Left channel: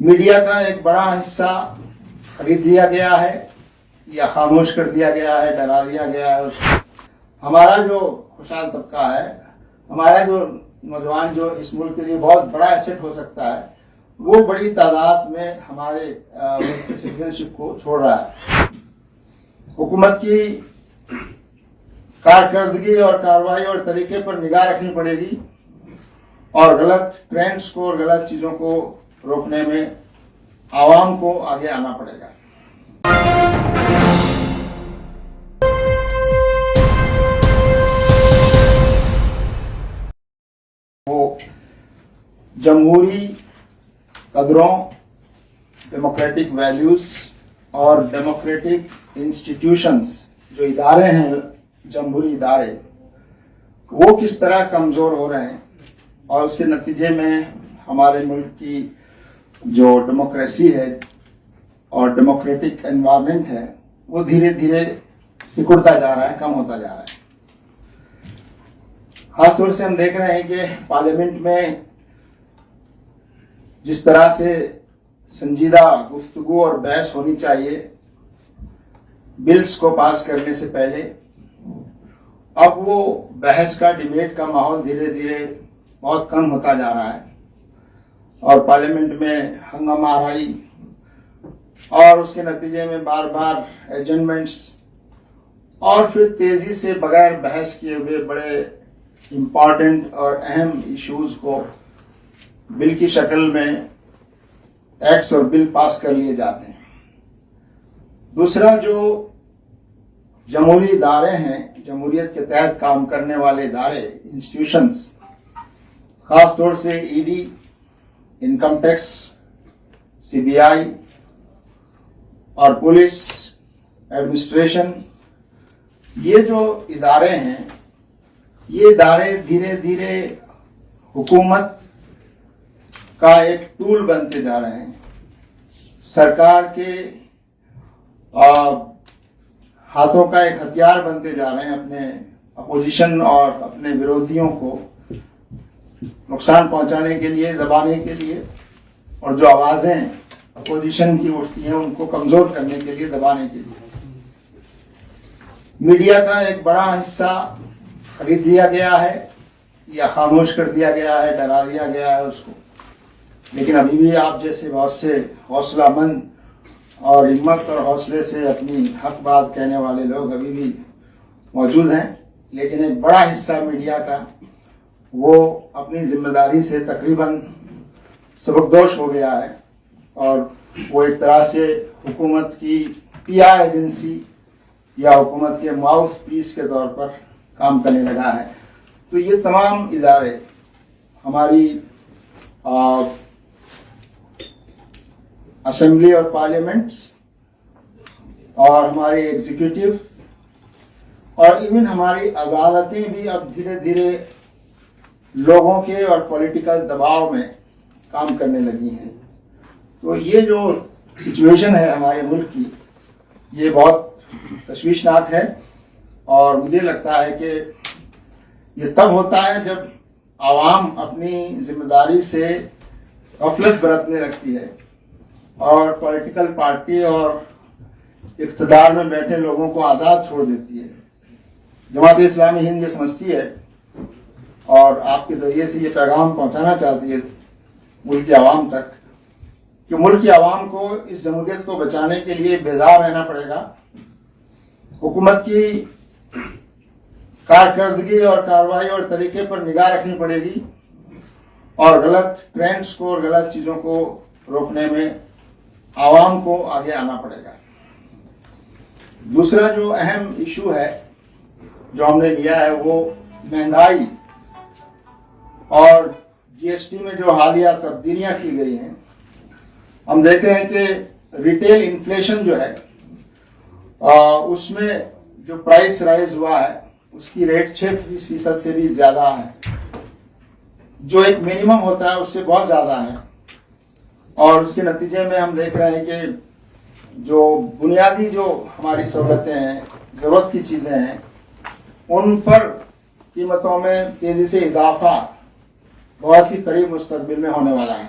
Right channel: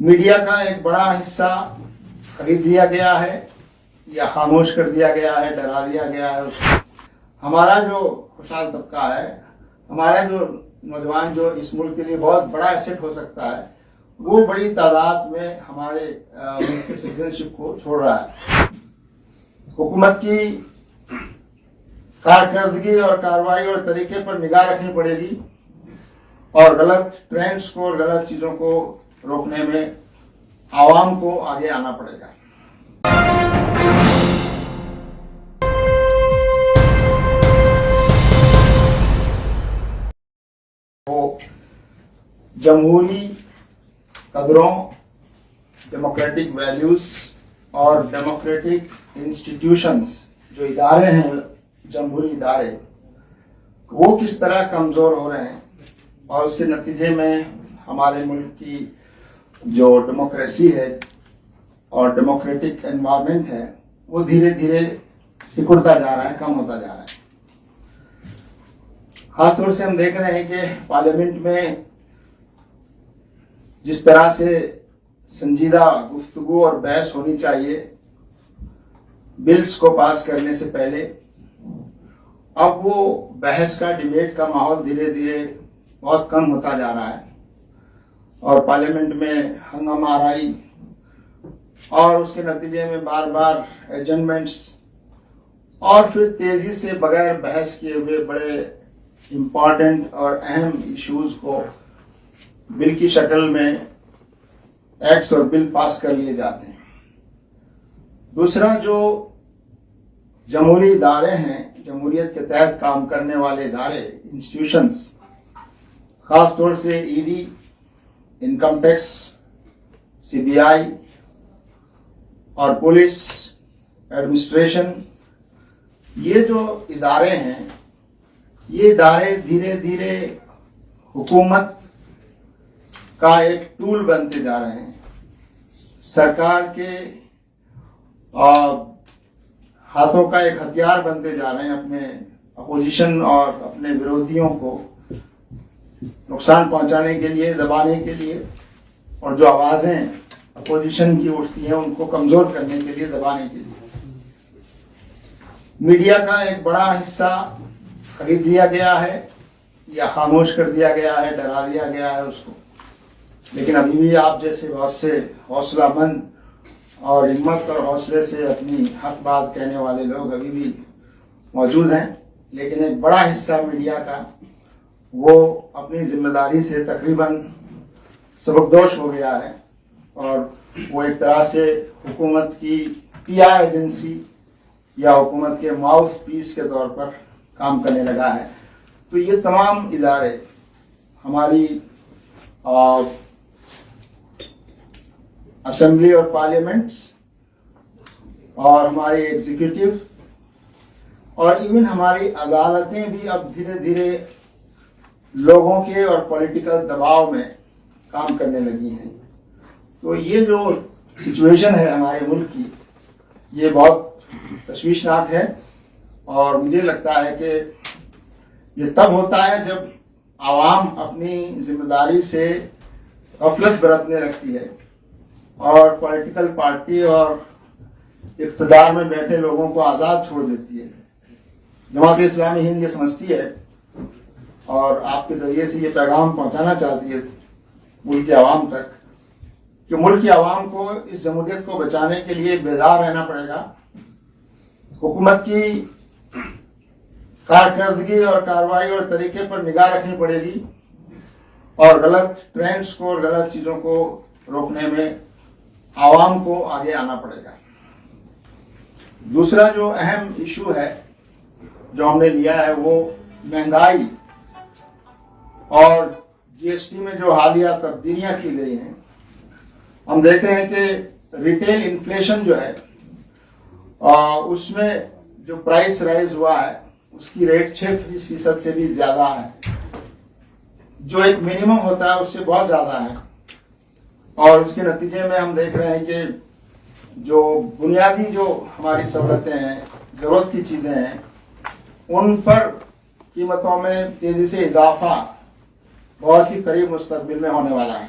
Media کا ایک بڑا حصہ خرید لیا گیا ہے یا خاموش کر دیا گیا ہے، ڈرا دیا گیا ہے. ہمارا جو خوشحال طبقہ ہے، ہمارا جو نوجوان جو اس ملک کے لیے بہت بڑا ایسٹ ہو سکتا ہے، وہ بڑی تعداد میں ہمارے ملک کی سٹیزن شپ کو چھوڑ رہا ہے. حکومت کی کارکردگی اور کارروائی اور طریقے پر نگاہ رکھنی پڑے گی اور غلط ٹرینڈز کو اور غلط چیزوں کو روکنے میں عوام کو آگے آنا پڑے گا. وہ جمہوری قدروں، ڈیموکریٹک ویلیوز اور ڈیموکریٹک انسٹیٹیوشنز جو ادارے ہیں، جمہوری ادارے، وہ کس طرح کمزور ہو رہے ہیں اور اس کے نتیجے میں ہمارے ملک کی جو ڈیموکریسی ہے اور ڈیموکریٹک انوائرمنٹ ہے وہ دھیرے دھیرے سکڑتا جا رہا ہے، کم ہوتا جا رہا ہے. خاص طور سے ہم دیکھ رہے ہیں کہ پارلیمنٹ میں جس طرح سے سنجیدہ گفتگو اور بحث ہونی چاہیے بلز کو پاس کرنے سے پہلے، اب وہ بحث کا، ڈیبیٹ کا ماحول دھیرے دھیرے بہت کم ہوتا جا رہا ہے اور پارلیمنٹ میں ہنگامہ آرائی اور اس کے نتیجے میں بار بار ایجنڈمنٹس اور پھر تیزی سے بغیر بحث کیے ہوئے بڑے امپارٹنٹ اور اہم ایشوز کو بل کی شکل میں ایکٹس اور بل پاس کر لیے جاتے ہیں. دوسرا، جو جمہوری ادارے ہیں، جمہوریت کے تحت کام کرنے والے ادارے، انسٹیٹیوشنز، خاص طور سے E D, income tax, C B I اور پولیس ایڈمنسٹریشن، یہ جو ادارے ہیں، یہ ادارے دھیرے دھیرے حکومت کا ایک ٹول بنتے جا رہے ہیں، سرکار کے ہاتھوں کا ایک ہتھیار بنتے جا رہے ہیں اپنے اپوزیشن اور اپنے ورودھیوں کو نقصان پہنچانے کے لیے، دبانے کے لیے، اور جو آوازیں اپوزیشن کی اٹھتی ہیں ان کو کمزور کرنے کے لیے، دبانے کے لیے. میڈیا کا ایک بڑا حصہ خرید لیا گیا ہے یا خاموش کر دیا گیا ہے، ڈرا دیا گیا ہے اس کو. لیکن ابھی بھی آپ جیسے بہت سے حوصلہ مند اور ہمت اور حوصلے سے اپنی حق بات کہنے والے لوگ ابھی بھی موجود ہیں. لیکن ایک بڑا حصہ میڈیا کا وہ اپنی ذمہ داری سے تقریباً سبکدوش ہو گیا ہے اور وہ ایک طرح سے حکومت کی پی آر ایجنسی یا حکومت کے ماؤتھ پیس کے طور پر کام کرنے لگا ہے. تو یہ تمام ادارے، ہماری اسمبلی اور پارلیمنٹس اور ہماری ایگزیکٹو اور ایون ہماری عدالتیں بھی اب دھیرے دھیرے لوگوں کے اور پولیٹیکل دباؤ میں کام کرنے لگی ہیں. تو یہ جو سچویشن ہے ہمارے ملک کی، یہ بہت تشویشناک ہے اور مجھے لگتا ہے کہ یہ تب ہوتا ہے جب عوام اپنی ذمہ داری سے غفلت برتنے لگتی ہے اور پولیٹیکل پارٹی اور اقتدار میں بیٹھے لوگوں کو آزاد چھوڑ دیتی ہے. جماعت اسلامی ہند یہ سمجھتی ہے اور آپ کے ذریعے سے یہ پیغام پہنچانا چاہتی ہے ملک کے عوام تک کہ ملک کی عوام کو اس جمہوریت کو بچانے کے لیے بیدار رہنا پڑے گا. حکومت کی کارکردگی اور کارروائی اور طریقے پر نگاہ رکھنی پڑے گی اور غلط ٹرینڈز کو اور غلط چیزوں کو روکنے میں عوام کو آگے آنا پڑے گا. دوسرا جو اہم ایشو ہے جو ہم نے لیا ہے وہ مہنگائی اور جی ایس ٹی میں جو حالیہ تبدیلیاں کی گئی ہیں. ہم دیکھ رہے ہیں کہ ریٹیل انفلیشن جو ہے اس میں جو پرائس رائز ہوا ہے اس کی ریٹ 6% سے بھی زیادہ ہے، جو ایک منیمم ہوتا ہے اس سے بہت زیادہ ہے. اور اس کے نتیجے میں ہم دیکھ رہے ہیں کہ جو بنیادی جو ہماری سہولتیں ہیں، ضرورت کی چیزیں ہیں، ان پر قیمتوں میں تیزی سے اضافہ بہت ہی قریب مستقبل میں ہونے والا ہے.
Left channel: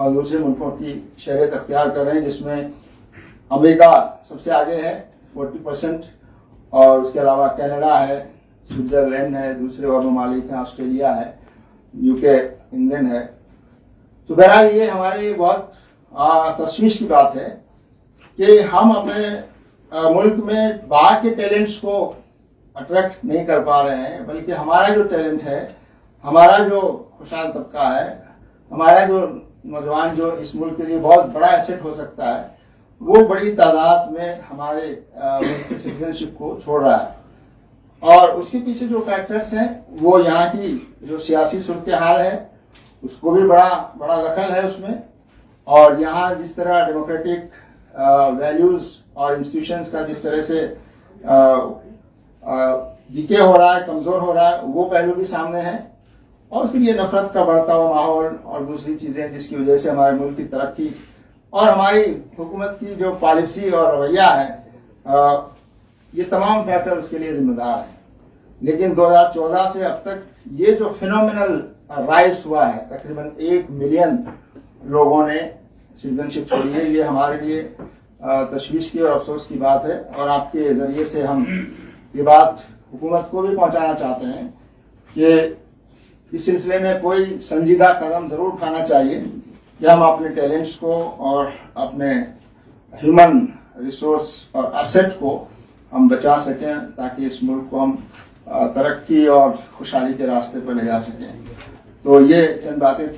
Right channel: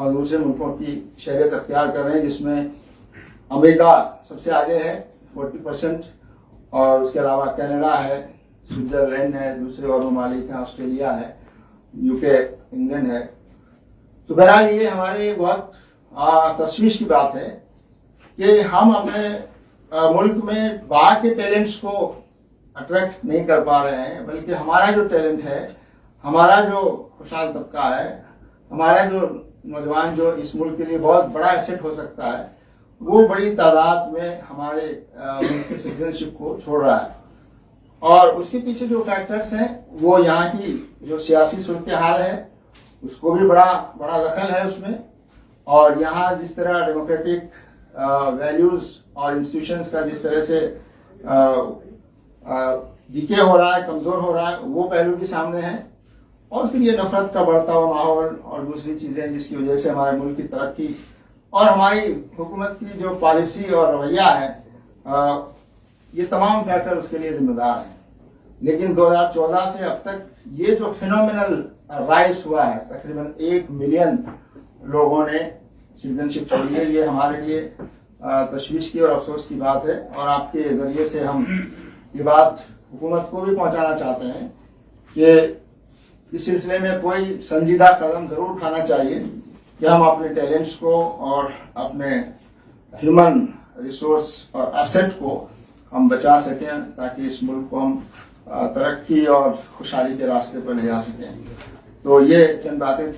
اور دوسرے ملکوں کی شہریت اختیار کر رہے ہیں، جس میں امریکہ سب سے آگے ہے 40%، اور اس کے علاوہ کینیڈا ہے، سوئٹزرلینڈ ہے، دوسرے اور ممالک ہیں، آسٹریلیا ہے، UK، انگلینڈ ہے۔ تو بہرحال یہ ہمارے لیے بہت تشویش کی بات ہے کہ ہم اپنے ملک میں باہر کے ٹیلنٹس کو اٹریکٹ نہیں کر پا رہے ہیں، بلکہ ہمارا جو ٹیلنٹ ہے، ہمارا جو خوشحال طبقہ ہے، ہمارا جو نوجوان جو اس ملک کے لیے بہت بڑا ایسٹ ہو سکتا ہے، وہ بڑی تعداد میں ہمارے ملک کی سٹیزن شپ کو چھوڑ رہا ہے۔ اور اس کے پیچھے جو فیکٹرز ہیں وہ یہاں کی جو سیاسی صورتحال ہے اس کو بھی بڑا دخل ہے اس میں، اور یہاں جس طرح ڈیموکریٹک ویلیوز اور انسٹیٹیوشنز کا جس طرح سے ڈیکے ہو رہا ہے، کمزور ہو رہا ہے، وہ پہلو بھی سامنے ہے۔ اور پھر یہ نفرت کا بڑھتا ہوا ماحول اور دوسری چیزیں جس کی وجہ سے ہمارے ملک کی ترقی اور ہماری حکومت کی جو پالیسی اور رویہ ہے، یہ تمام فیکٹر اس کے لیے ذمہ دار ہیں۔ لیکن 2014 سے اب تک یہ جو فینومینل رائز ہوا ہے، تقریباً 1 ملین لوگوں نے سٹیزن شپ چھوڑی ہے، یہ ہمارے لیے تشویش کی اور افسوس کی بات ہے۔ اور آپ کے ذریعے سے ہم یہ بات حکومت کو بھی پہنچانا چاہتے ہیں کہ اس سلسلے میں کوئی سنجیدہ قدم ضرور اٹھانا چاہیے کہ ہم اپنے ٹیلنٹس کو اور اپنے ہیومن ریسورس اور ایسٹ کو ہم بچا سکیں، تاکہ اس ملک کو ہم ترقی اور خوشحالی کے راستے پر لے جا سکیں۔ تو یہ چند باتیں تھیں۔